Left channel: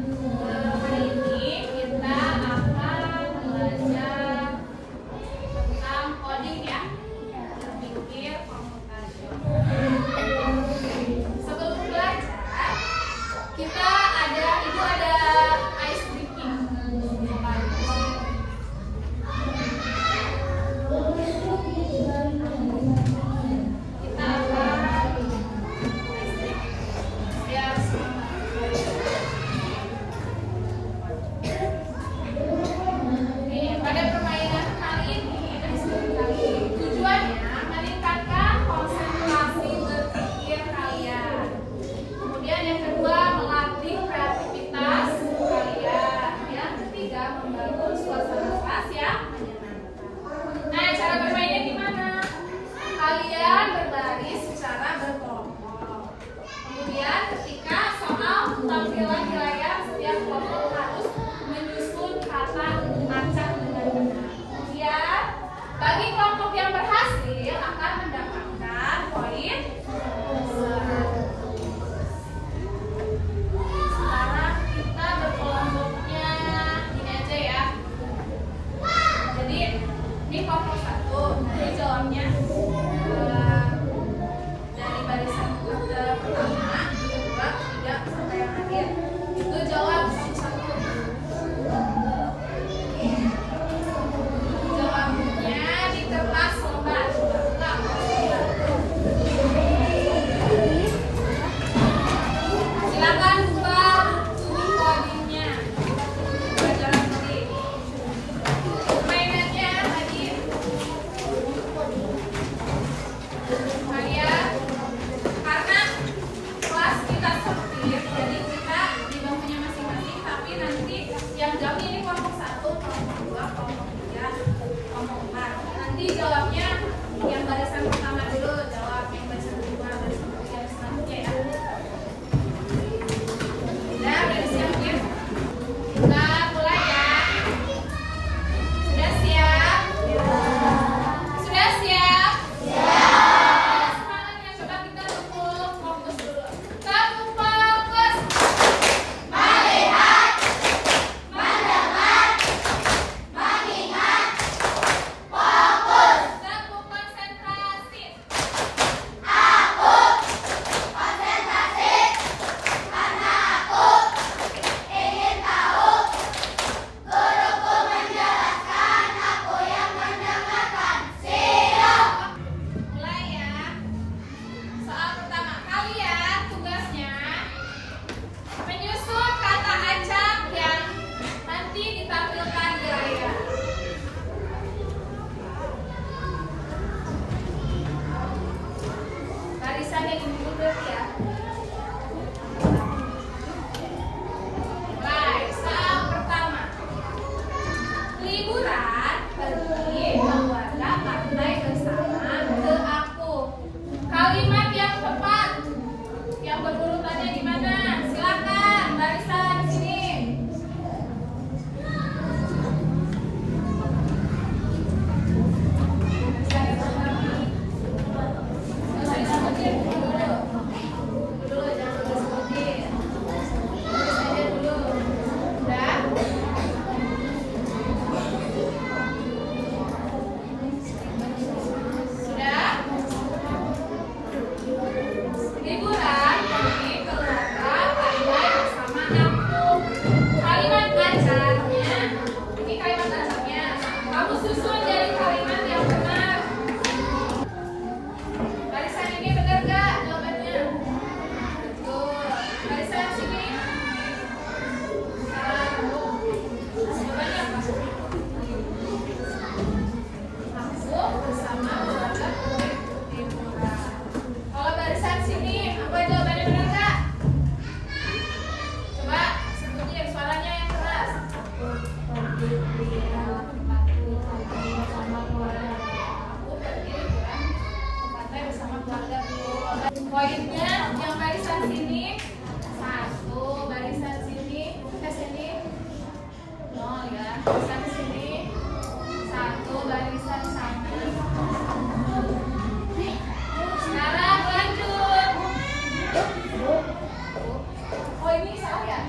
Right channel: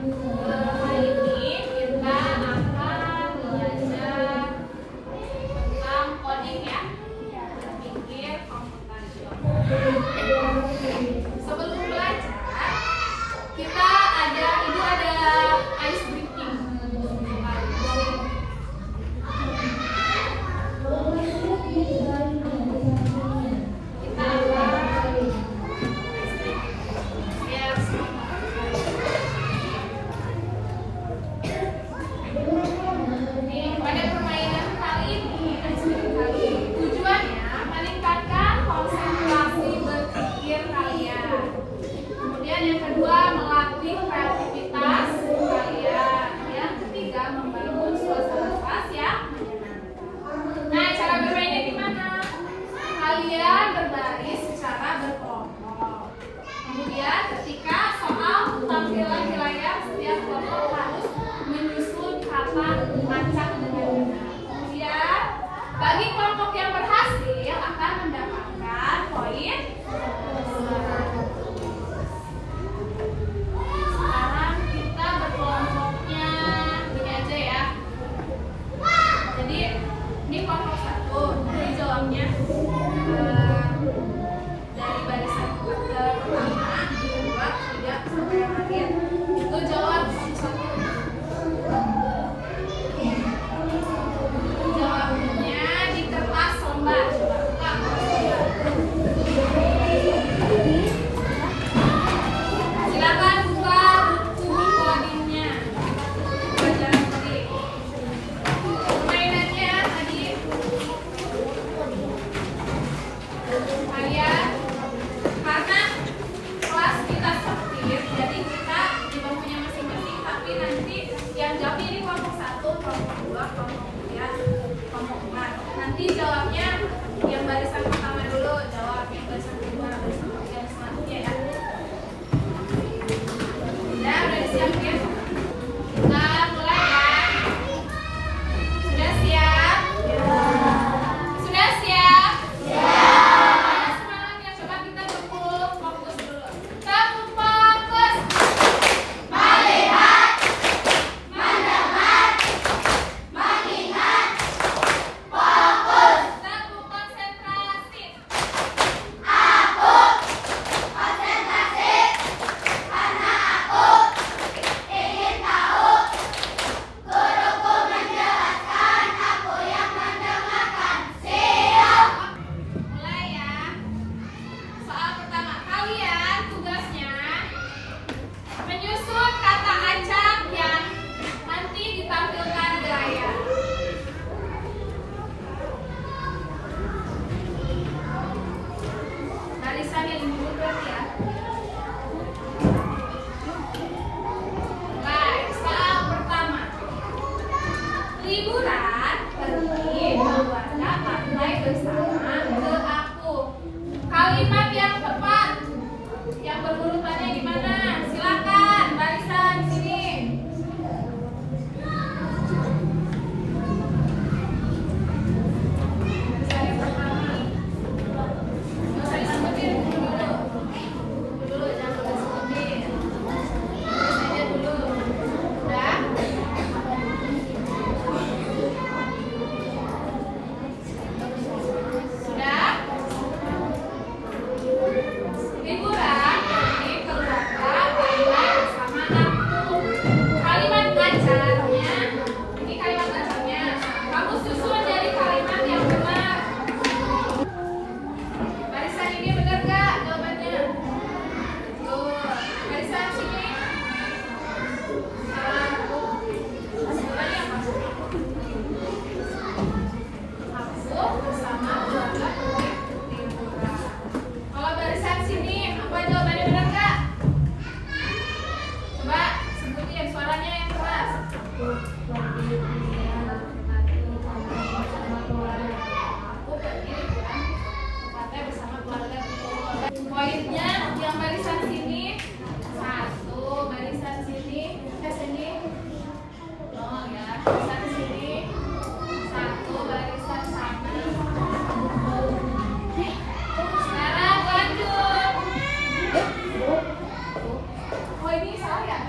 Hari ini kita akan belajar tentang coding ya, berpikir komputasional. Sebelum belajar, ibu ada ice breaking untuk kalian. Kita akan biar pada permainan kali ini, tujuannya meningkatkan konsentrasi berpikir kalian. Kemudian yang kedua, melatih kreativitas kalian. Yang ketiga, membangun suasana kelas yang menyenangkan. Nah, cara bermainnya gimana? Kalian berbaris secara berkelompok. Kemudian ketika soal tampilan di layar, setiap kelompok harus menyusun kata acak dengan benar. Kemudian bagi kelompok yang berhasil akan mendapatkan poin 100. Sekarang kita berkelompoknya gini aja ya. Jadi ini kelompok 1. Jadi jawabnya dari barisan pertama, 2, 3 sampai yang akhir. Itu jawab satu-satu. Jawabnya di kertas lembar. Silakan buka buku codingnya. Pelajaran coding. Permainannya tadi kalian, karena kelas kita sempit, jadi kita di bangkunya masing-masing, tapi nanti yang jawabnya ini kelompok 1, kelompok 2, kelompok 3, kelompok 4. Nanti jawabnya yang barisan pertama dulu jawab, yang barisan kedua, barisan ketiga, dan selanjutnya ya. Udah disiapin? Kita mulai ya. Sudah siap? Sudah siap? Semangatnya, coba kita berkumpul fokus dulu. Satu fokus. Melihat, mendengar, mengingat, fokus. Satu konsentrasi. Aku konsentrasi karena aku ingin tahu. Guruku menjelaskan, aku yang mendengarkan. Siap. Mulai ya. Soal pertama, kalian tugasnya menyusun kata acak yang nanti ditampilkan di layar. Barisan yang ini dulu berarti ya. Baik, soal pertama. Liburan pergi keluarga pantai bersama ke aku. Kalimat yang tepat yang berurutannya gimana? Silakan barisan di sini. Barisan yang pertama. Nggak usah disebutin dulu. Dulu jangan disebutin. Tulis aja dulu. Udah? Sudah? Liburan pergi ke keluarga pantai bersama aku. Kalimat acaknya, ini kalimat acaknya. Kamu susun jadi kalimat yang benar. Barisan ini benar gak jawabannya? Betul. Barisan sini. Salah. Jawabannya apa? Aku bersama keluarga pergi liburan. Kalau barisan sini, apa jawabannya benar gak? Coba sebutin suaranya yang keras. Aku pergi liburan bersama keluarga. Aku pergi liburan ke pantai bersama keluarga. Poinnya yang barisan sini 1, barisan sini, sini 0 ya. Barisan sini 1, barisan sana. Sekarang lanjut. Oh ini salah ya?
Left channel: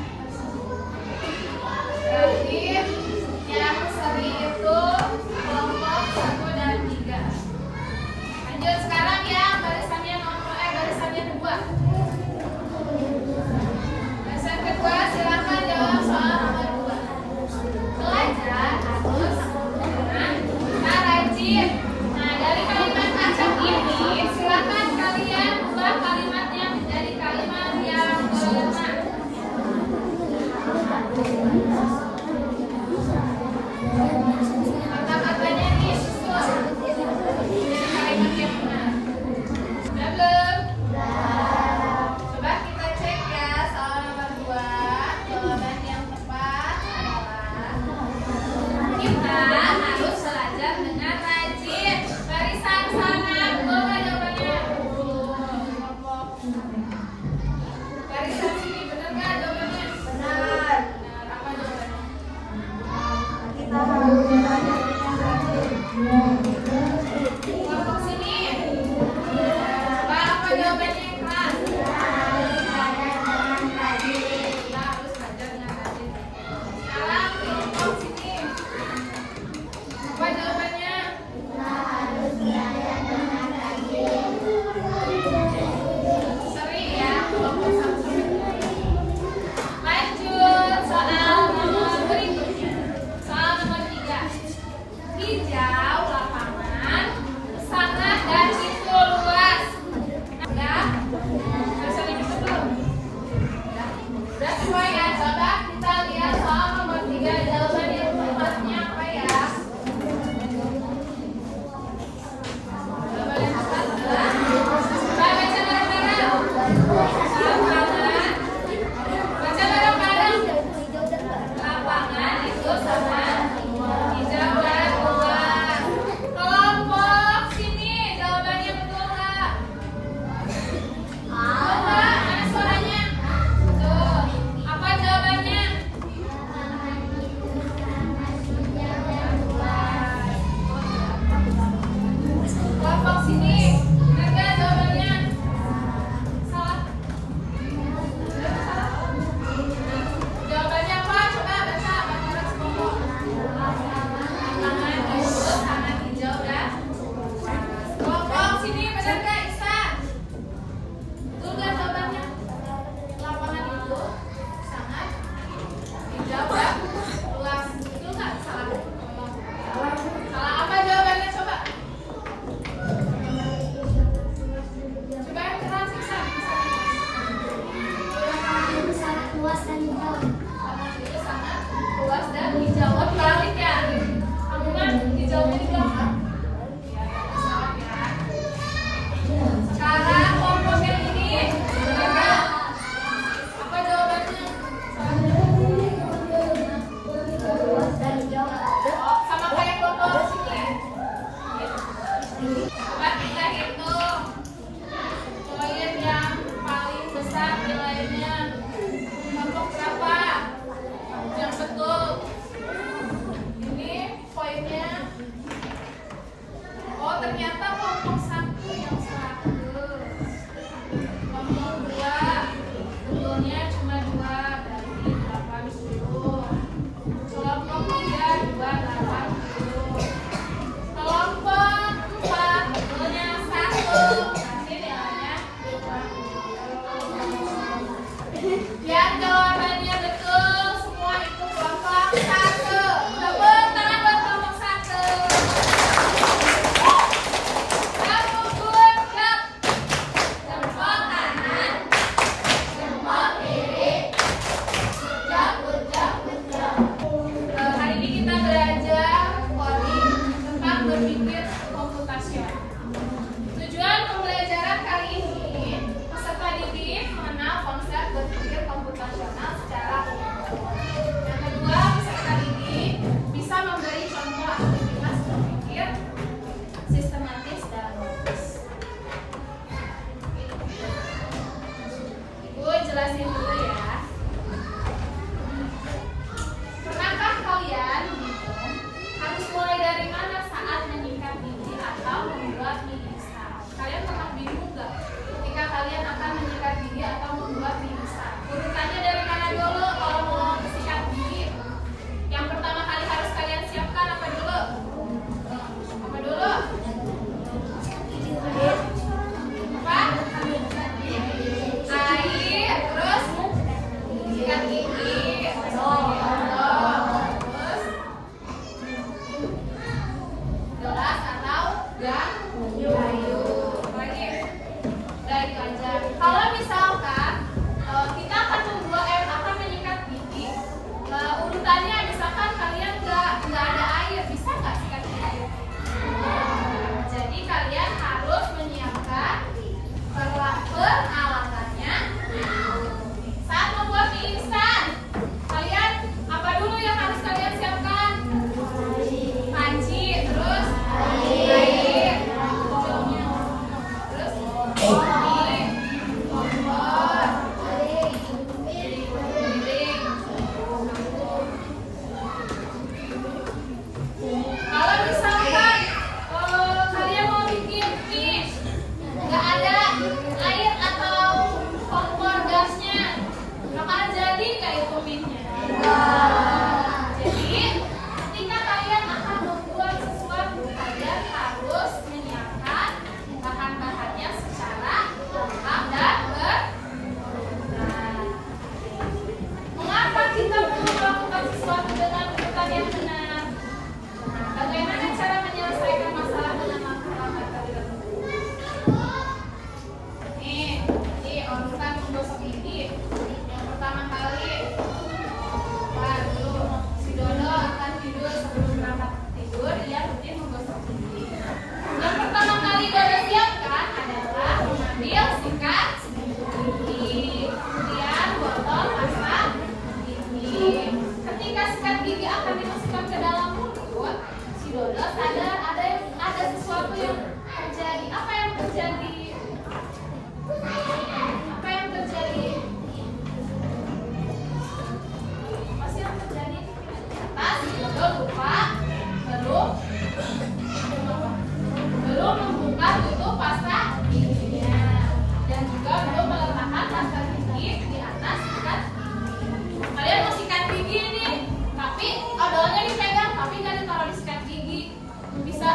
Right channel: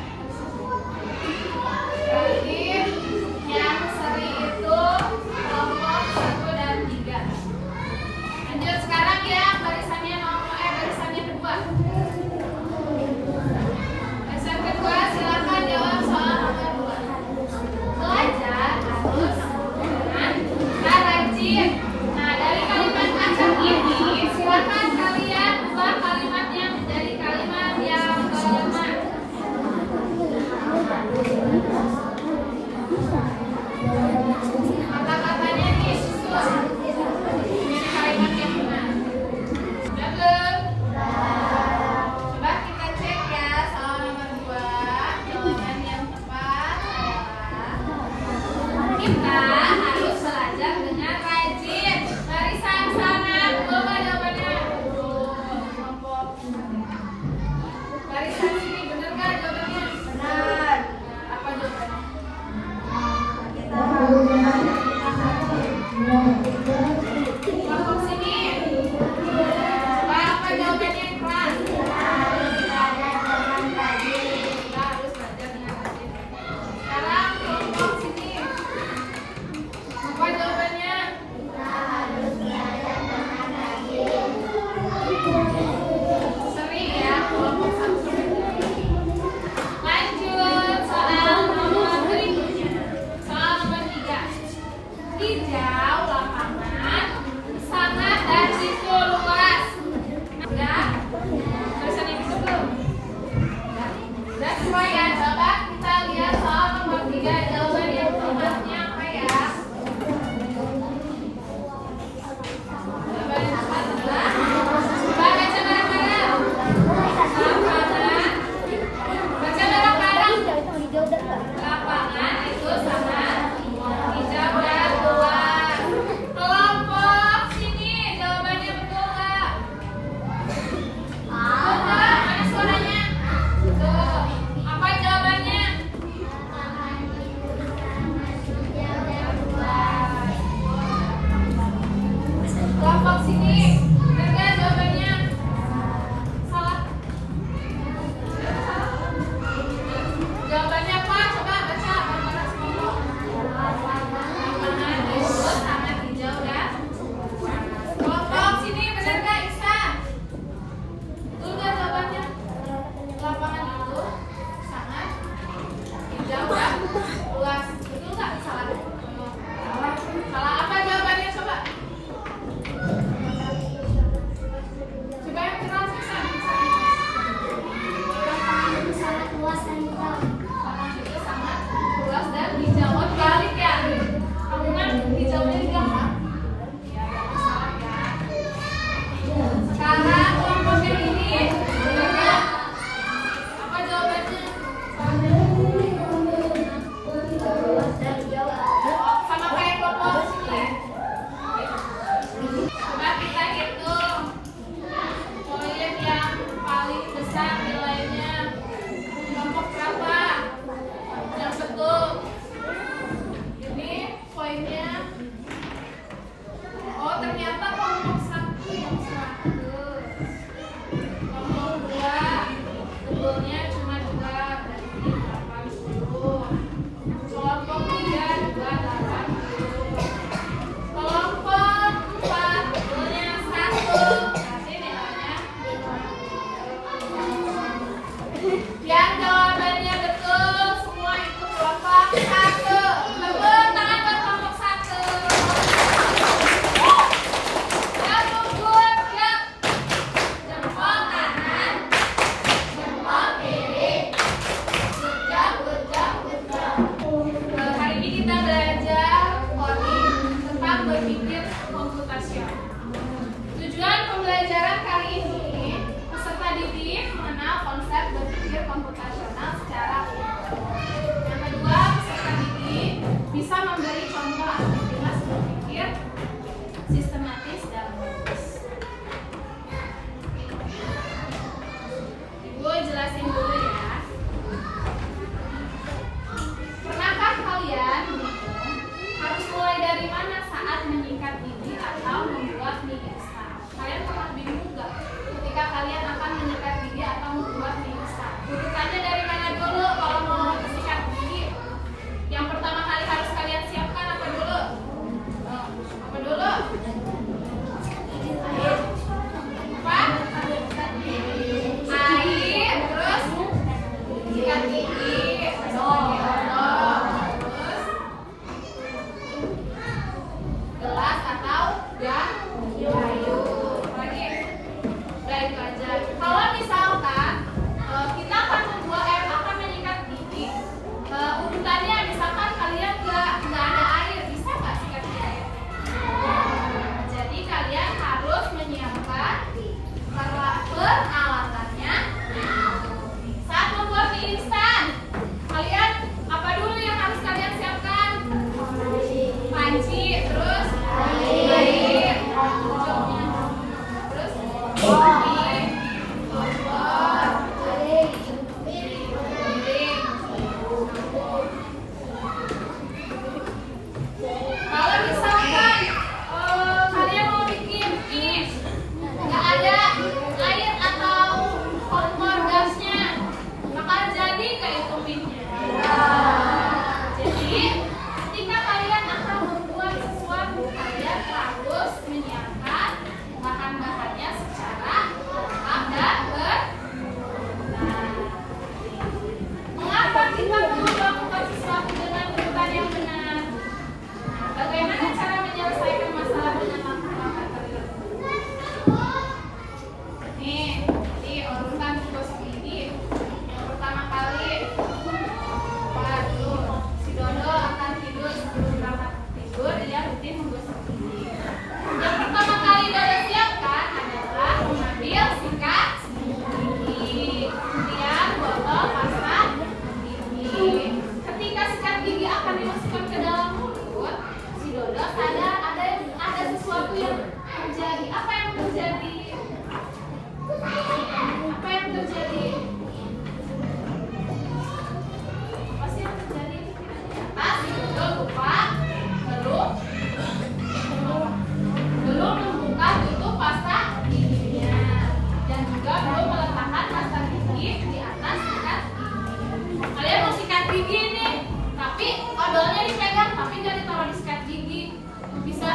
semua ya, coba kita lihat soal nomor 3. Jawaban yang tepatnya apa ya? Jawaban yang tepat adalah, coba baca bareng-bareng. Lapangan. Baca bareng-bareng. Lapangan itu sama hijau dan luas. Kelompok sini, jawabannya betul nggak? Betul nggak? Mana suaranya? Tuh, apa jawabannya? Kelompok sini, benar nggak jawabannya? Salah. Jawabannya apa? Coba baca bareng-bareng sekelompok. Lapangan itu sangat hijau dan luas. Kelompok sini, benar nggak Ihsan? Betul nggak jawabannya? Lapangan itu sangat hijau dan luas. Betul nggak? Salah. Salah apa jawabannya? Coba. Coba yang keras Ihsan. Lapangan itu sangat luas dan hijau. Lapangan itu sangat luas dan hijau. Oh, dibalik ya. Kamu kan hijaunya di belakang. Ya, salah ya. Sekarang kelompok yang ini, benar nggak? Apa jawabannya? Oh, sama kayak kelompok sini. Coba kita hitung poin yang paling besar nilainya. Kelompok berapa? Yang betul. Ini poinnya. Oh, ternyata kelompok 1 yang 100. Kelompok 2 betulnya cuma 2, berarti 80. Kelompok 3 280. Kelompok 4 betulnya 1, berarti nilainya 50. Yang jawabannya betul semua itu kelompok 1. Tepuk tangan buat kelompok 1. Kelompok 2 siap. Jempol kanan, jempol kiri. Good job. Hari ini kita belajar coding tentang berpikir komputasional. Tujuan pembelajaran kali ini, peserta didik mengenal konsep berpikir komputasional secara umum. Yang kedua, peserta didik bisa memberi contoh aktivitas berpikir sistematis dan logis. Ibu jelasin dulu ya. Pernahkah kalian menghitung harus mulai dari mana saat menyikat gigi atau membuat mie instan? Kalian pernah bingung nggak ketika kalian akan menyikat gigi atau membuat mie instan? Urutannya dari mana dulu kalau mau sikat gigi? Yang pertama kali harus kalian siapkan apa dulu? Apa dulu? Apa? Air, terus sikat gigi. Terus gelas atau kayu. Lagi. Udah itu aja. Kalau misalkan kita akan akan menyikat gigi, urutannya misalkan kalian nggak ada air, bisa nggak sikat gigi air? Jadi kalian harus menyiapkan peralatannya. Saat membuat mie instan, kalian apa dulu yang harus kalian siapkan? Panci, terus air, terus kompor, piring. Kalau misalkan kalian mau bikin mie, nggak ada air atau kompor gasnya, maka jadi nggak itu mie-nya? Jadi ketika kalian akan membuat sesuatu, kalian harus menyiapkan bahan-bahannya secara lengkap dan benar. Mengapa kita perlu melakukan sesuatu dengan urutan yang benar? Nah, bagaimana cara menyelesaikan masalah dengan langkah-langkah tertentu? Nih, jadi urutan gosok gigi. Yang pertama kali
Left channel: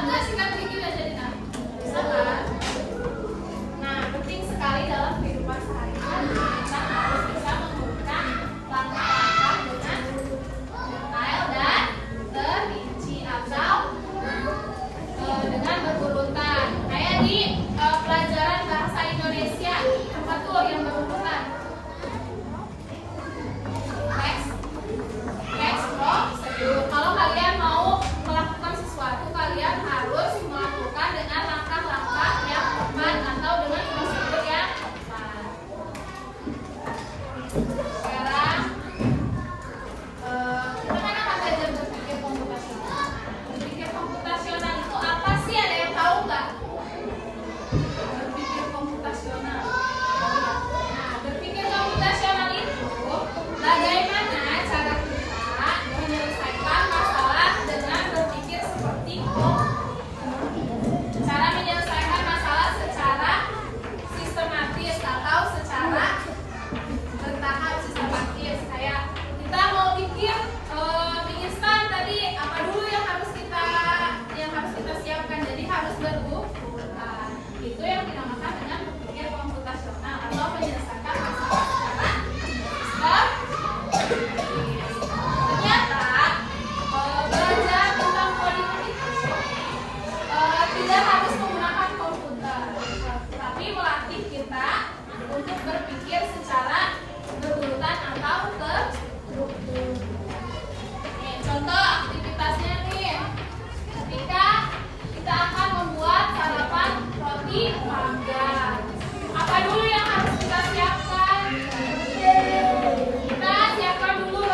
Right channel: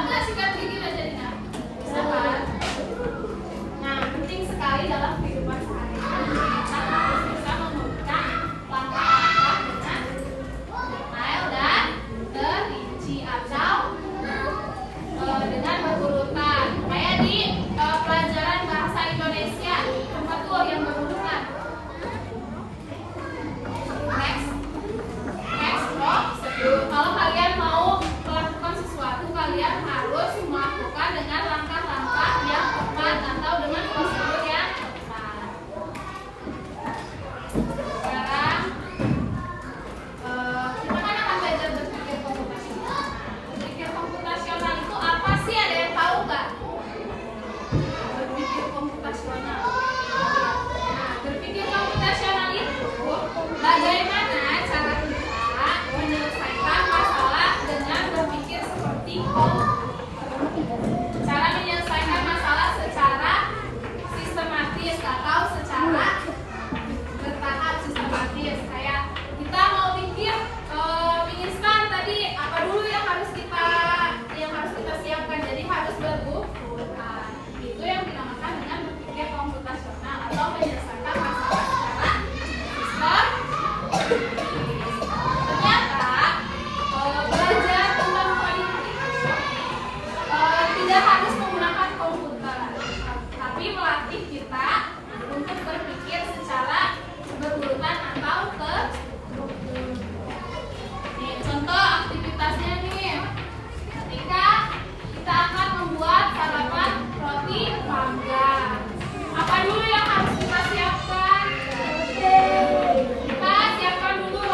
nggak sikat gigi udah jadi nah? Bisa kan? Nah, penting sekali dalam kehidupan sehari-hari kita harus bisa memberikan langkah-langkah dengan detail dan terinci atau dengan berurutan. Kayak di pelajaran bahasa Indonesia, apa tuh yang berurutan? Kalau kalian mau melakukan sesuatu, kalian harus melakukan dengan langkah-langkah yang tepat atau dengan prosedur yang tepat. Sekarang kita kan akan belajar berpikir komputasional. Berpikir komputasional itu apa sih? Ada yang tahu nggak? Berpikir komputasional. Nah, berpikir komputasional itu bagaimana cara kita menyelesaikan masalah dengan berpikir seperti cara menyelesaikan masalah secara sistematis atau secara bertahap sistematis. Kayak kita mau pikir mie instan tadi apa dulu yang harus kita siapkan, jadi harus berurutan. Itu yang dinamakan dengan berpikir komputasional atau menyelesaikan masalah secara sistematis. Ternyata belajar tentang coding itu tidak harus menggunakan komputer, tapi melatih kita untuk berpikir secara berurutan atau terstruktur. Nih, contoh aktivitasnya nih, ketika kita akan membuat sarapan roti panggang, apa dulu yang harus kita siapkan? Kita siapkan dulu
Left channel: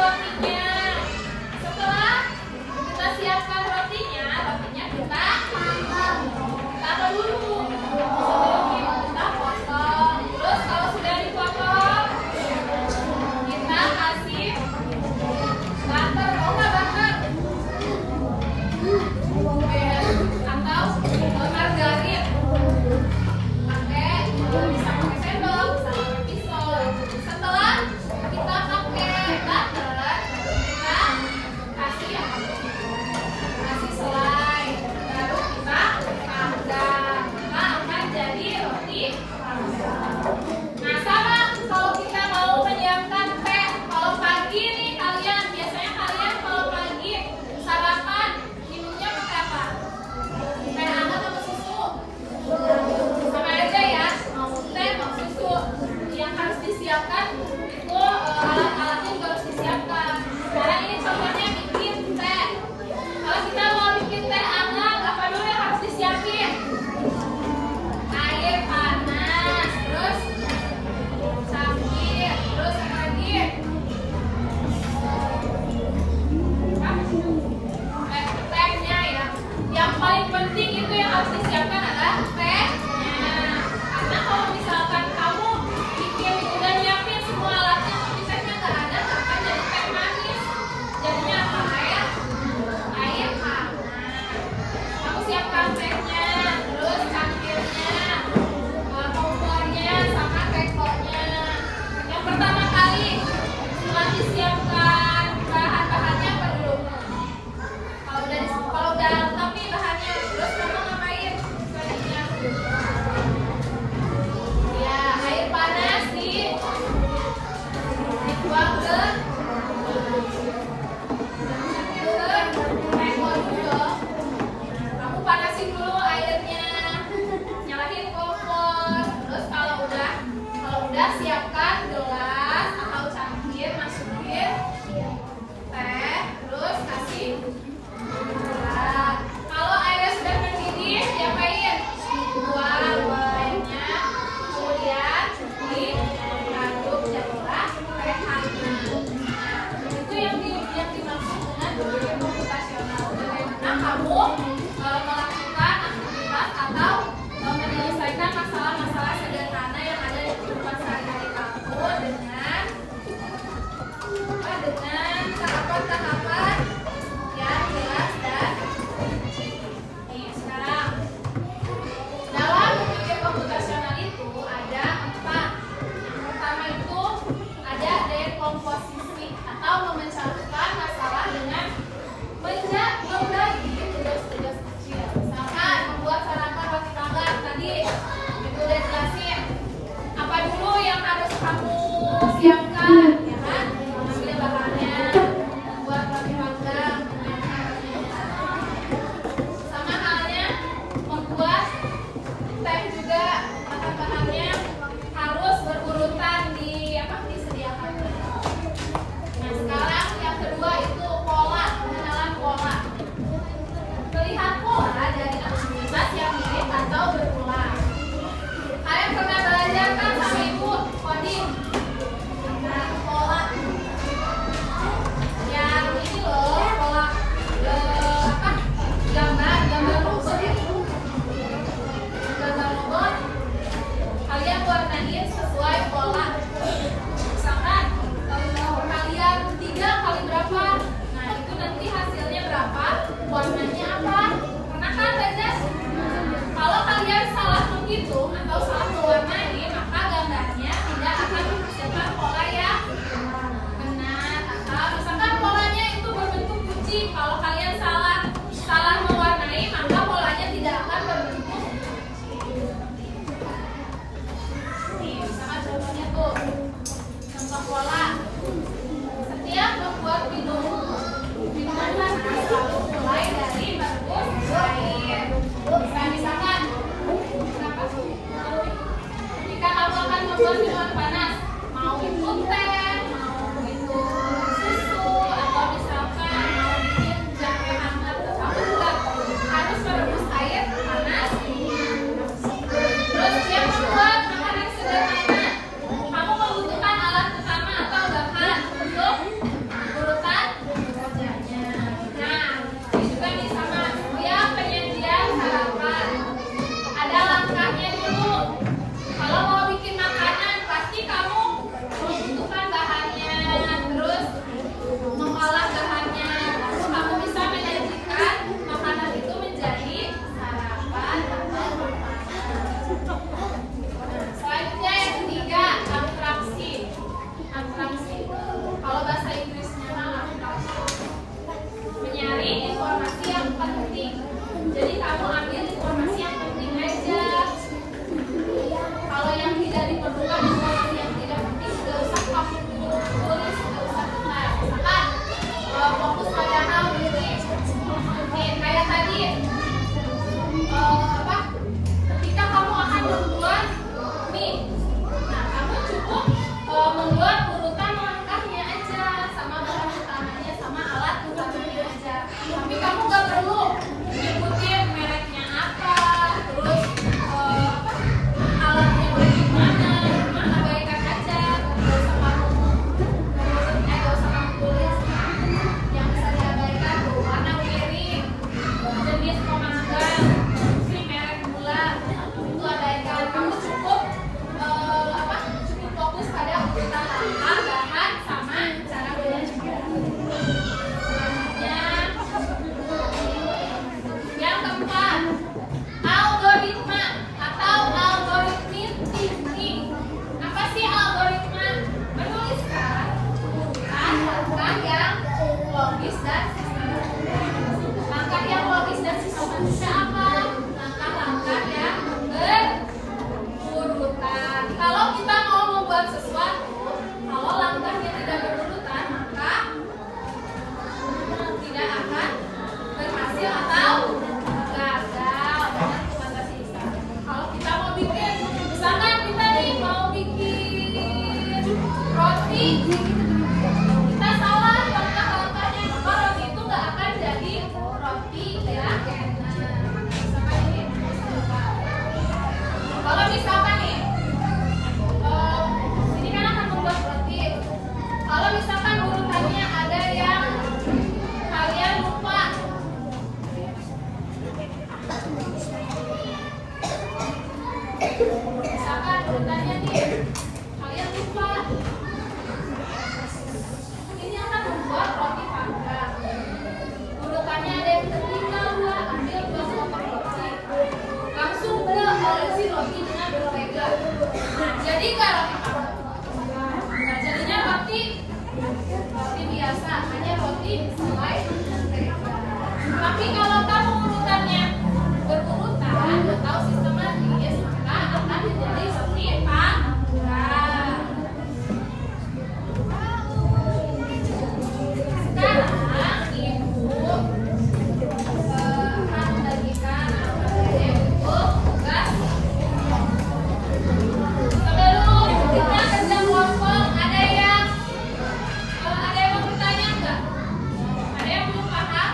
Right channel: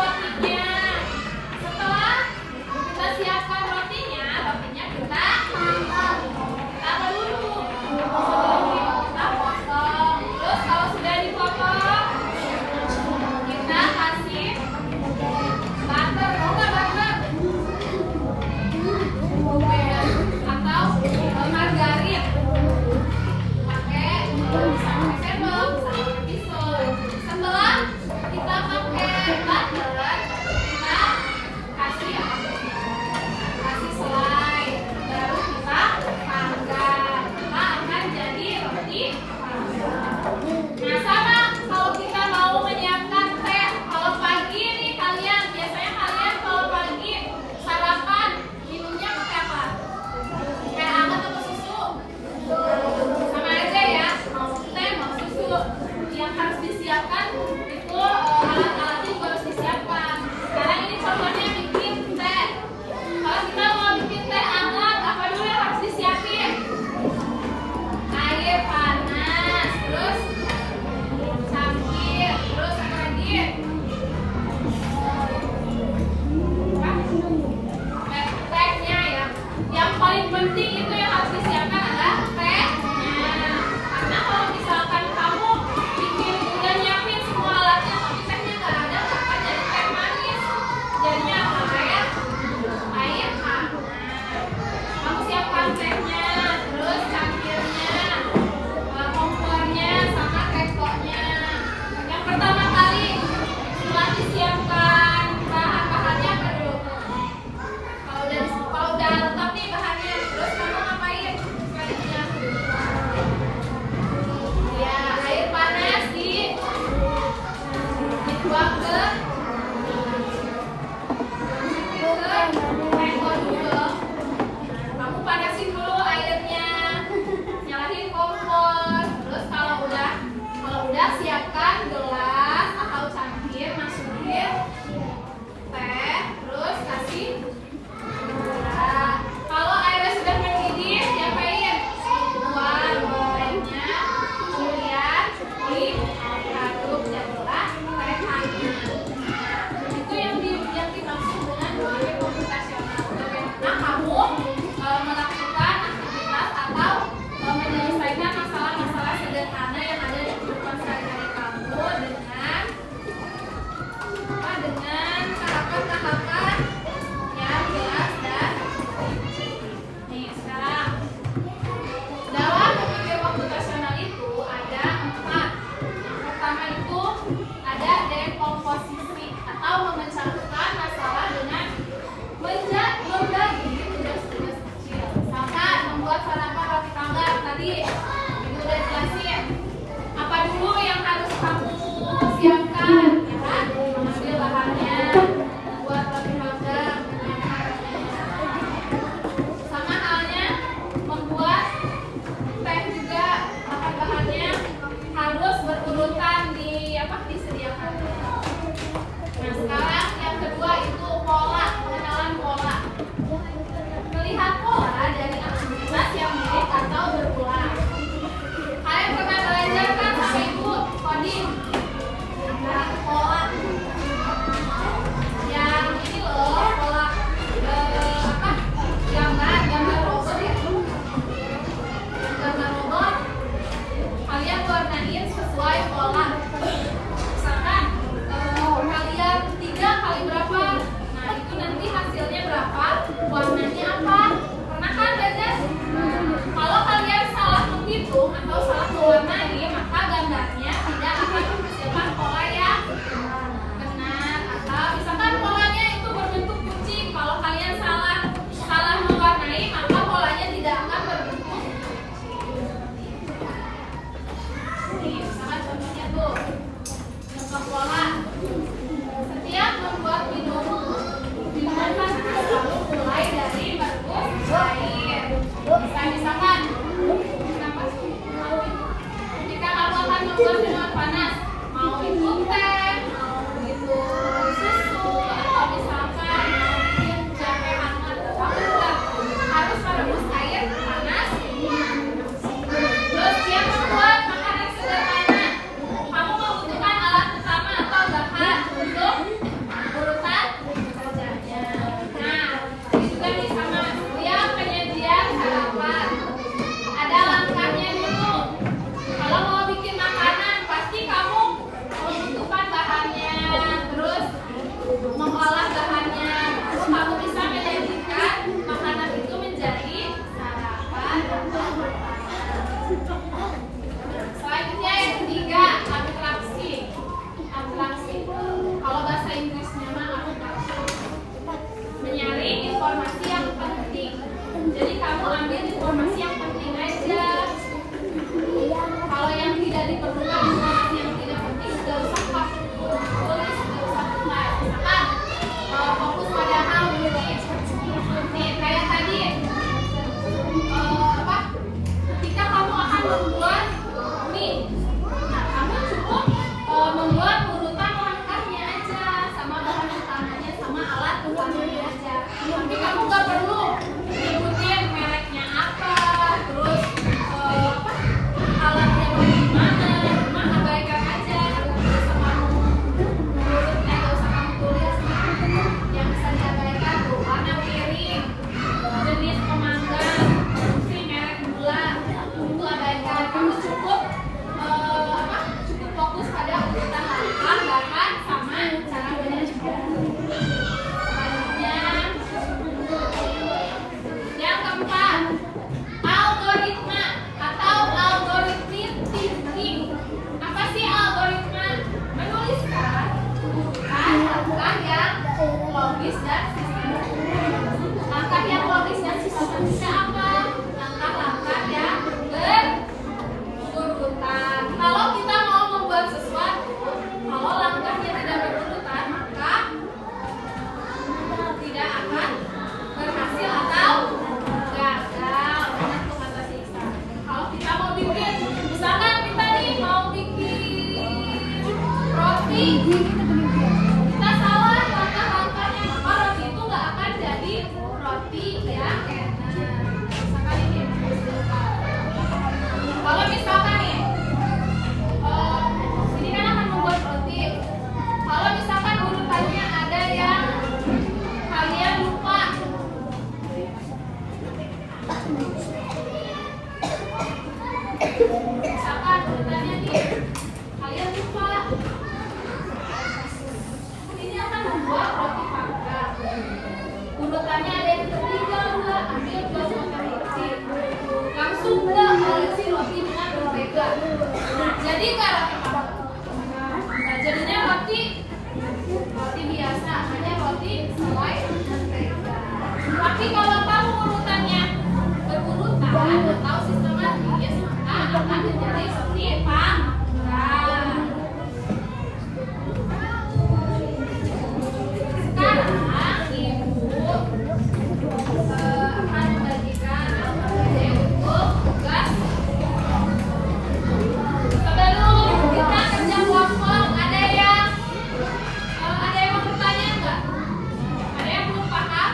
untuk urutan kerjanya. Nah, ini juga nih sama yang penyajian sarapan. Ada langkahnya dulu. Kalau mau bikin makanan, pasti kamu membutuhkan bahannya, terus mengolah bahannya, lalu kamu bisa menyajikan makanan itu menjadi sarapan atau makanan. Nah, selanjutnya yang ketiga, abstraksi. Abstraksi. Kalau bahasa Inggrisnya mah abstraksi. Menyaring informasi yang penting. Jadi kamu ambil informasi yang penting aja. Kalau yang tidak diperlukan, informasi yang tidak penting, tidak usah kamu tulis, tidak usah buka. Misalkan fokus pada hal ini. Nih kayak tadi, ketika kamu akan membuat mie, nah kamu cukup membuat urutan langkahnya aja, sama bahan utamanya, sama alat utamanya aja. Tapi kamu nggak perlu ngikutin mereknya apa, terus alatnya gimana, cuma abaikan aja. Nggak usah kamu ngurutnya, nggak usah kamu tulis. Yang bisa diabaikan tuh warna piring, jenis pemanggang, fungsi merek gula, itu abaikan. Kamu cukup cukup fokus pada urutan langkah, bahan, sama cara menyajikan. Selanjutnya, yang keempat, algoritma atau algoritmik thinking. Apa sih algoritma? Menuliskan urutan langkah yang logis dan sistematis. Langkah yang logis dan sistematisnya apa? Langkah-langkah yang berurutan. Kalau kita mau membuat sesuatu, kalau langkahnya tidak berurutan, maka tidak akan berhasil atau gagal. Banyak tuh kata sisa. Kalau kita mau bikin, misalkan kita nih mau bikin roti, kita salah langkah-langkahnya, maka roti itu nggak akan jadi roti yang enak. Misalkan ini, kalau misalkan nih, ini kan akan membuat roti. Kalau misalkan urutannya ada yang kalian lupa, misalkan urutannya nih kalian lupa, ini akan membuat roti panggang. Urutannya ada yang ketinggalan, nggak ambil 2 potong roti, langsung nggak olesi roti dengan berbeda. Nah, jadi nggak roti panggang. Nah, jadinya roti biasa, hanya roti selai mentega. Tapi kalau kamu urutannya berurutan atau sistematis, maka akan menjadi roti panggang. Sekarang ibu akan membagikan yaitu tugas. Sebelum kita kerja kelompok, ada yang mau bertanya nggak? Ada yang belum paham?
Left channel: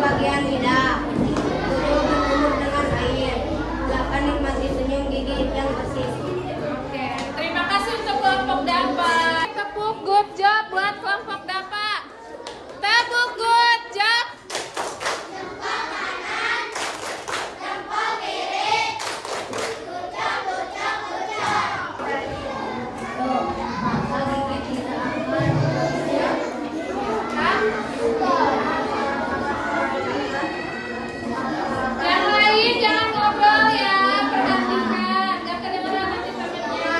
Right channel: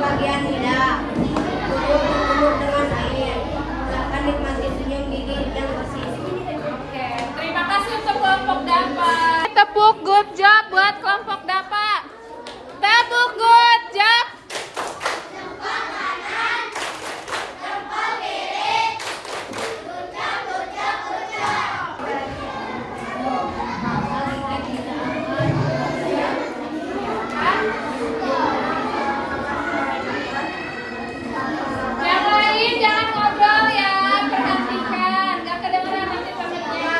bagian lidah. 7. Berkumur dengan air. 8. Nikmati senyum gigi yang bersih. Oke, terima kasih untuk kelompok DAPA. Tepuk good job buat kelompok DAPA. Tepuk good job. Yang lain jangan ngobrol ya, bergantian. Gak kedengeran nanti pamitnya.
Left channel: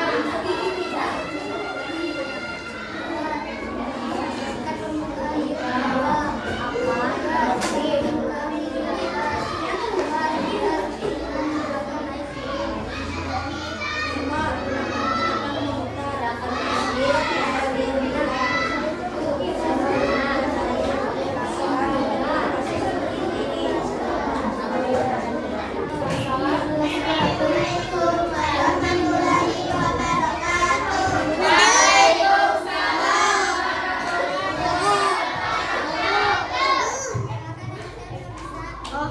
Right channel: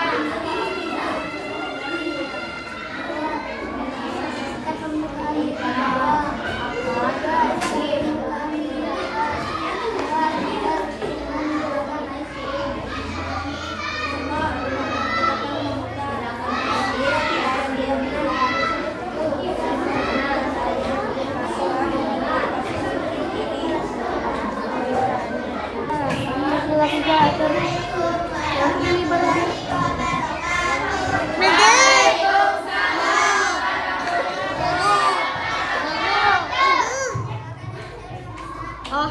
Oh,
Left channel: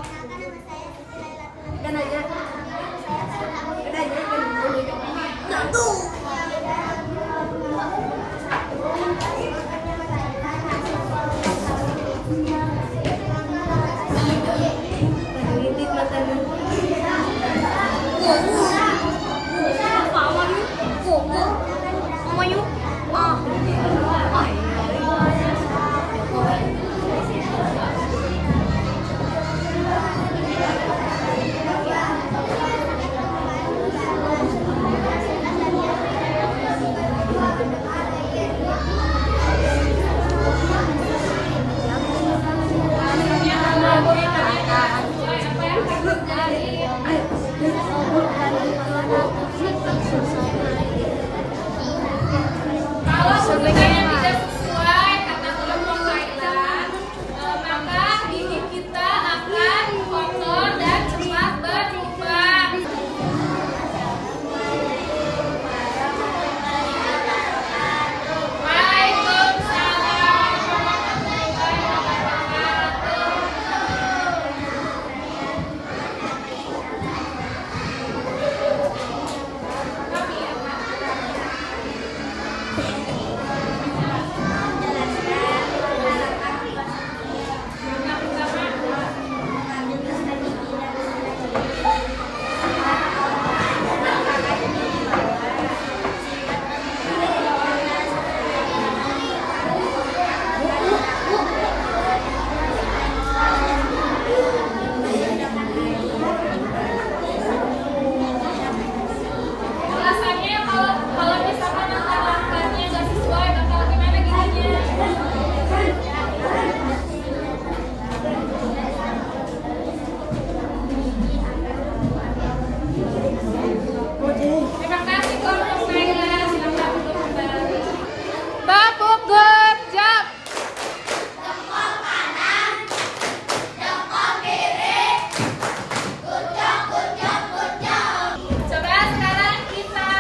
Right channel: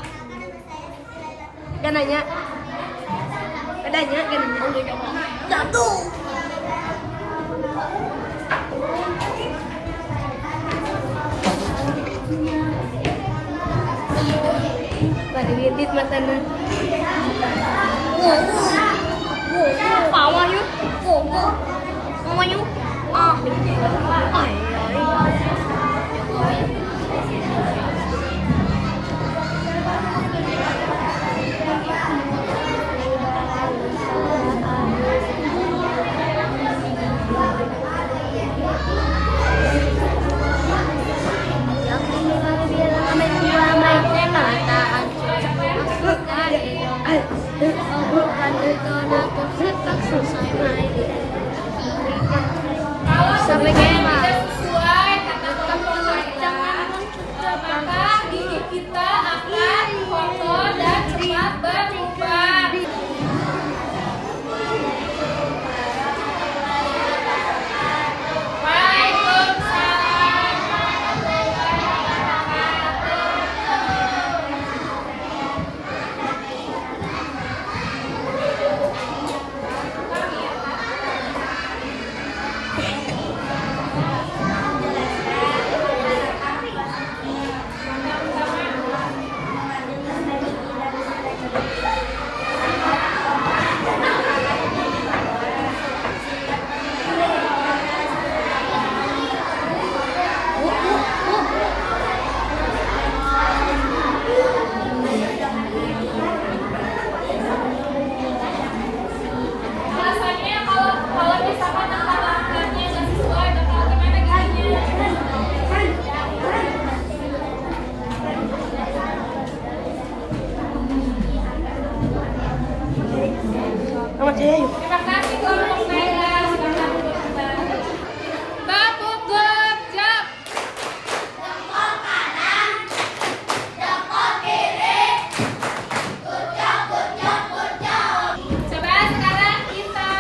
kan nanya. Adanya kan udah coba. Satu. Kadit matanya. Mama yuk. Mama yuk. Ah. Ay. Jokowi. Kalau Sampai kita kemana? tidak sesuai kata kelompok kita, maka gigi kita akan kotor dan cepat berlubang. Waalaikumsalam. Alasannya kalau misalkan angka-angkanya nggak sesuai, bakal gimana giginya? Terima kasih kelompok Naila. Silakan duduk kembali. Tepuk good job. Coba sekarang kita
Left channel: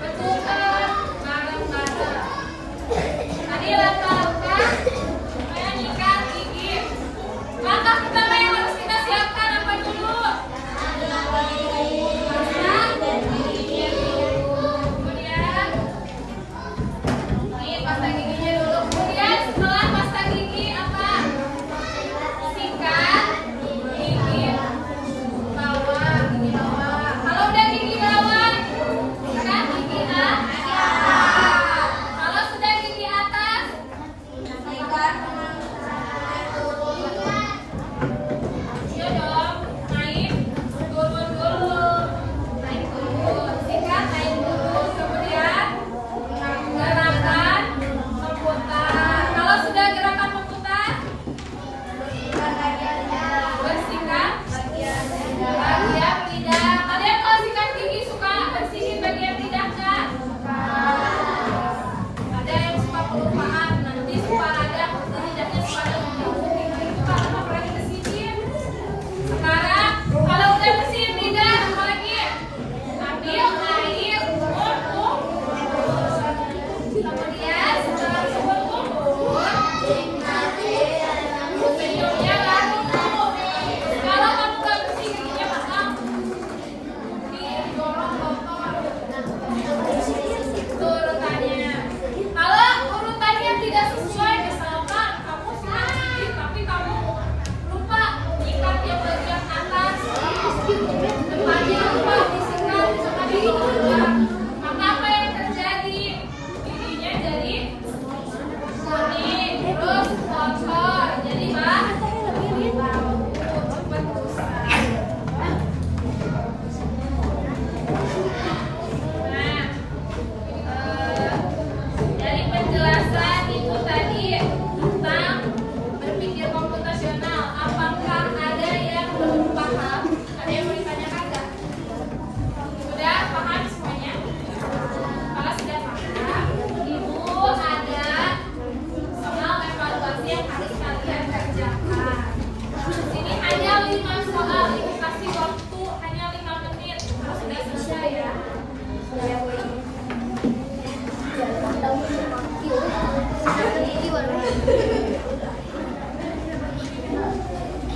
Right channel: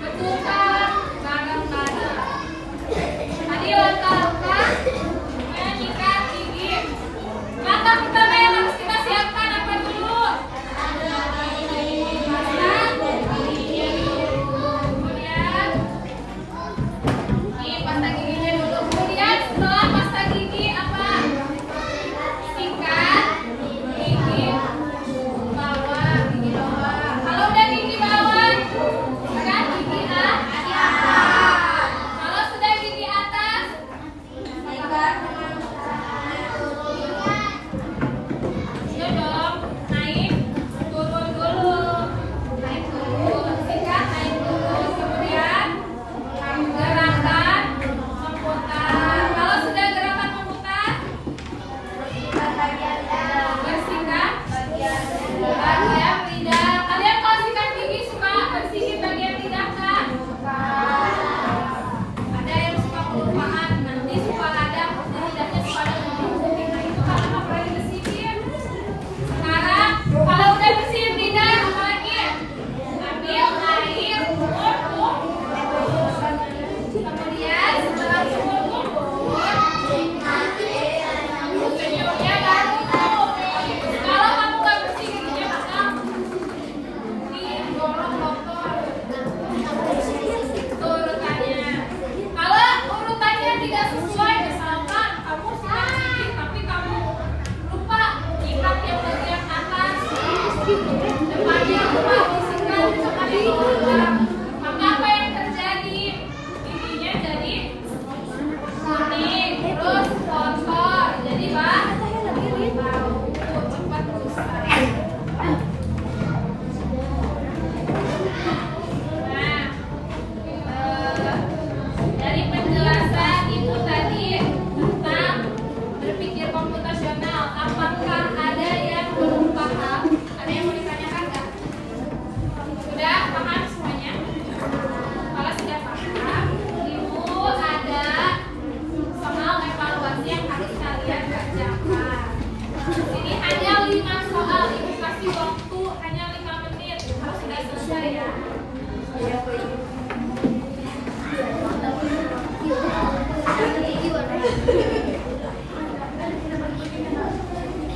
betulkan bareng-bareng. Tadi langkah-langkah menyikat gigi. Langkah pertama yang harus kita siapkan apa dulu?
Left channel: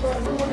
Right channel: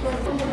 sipon.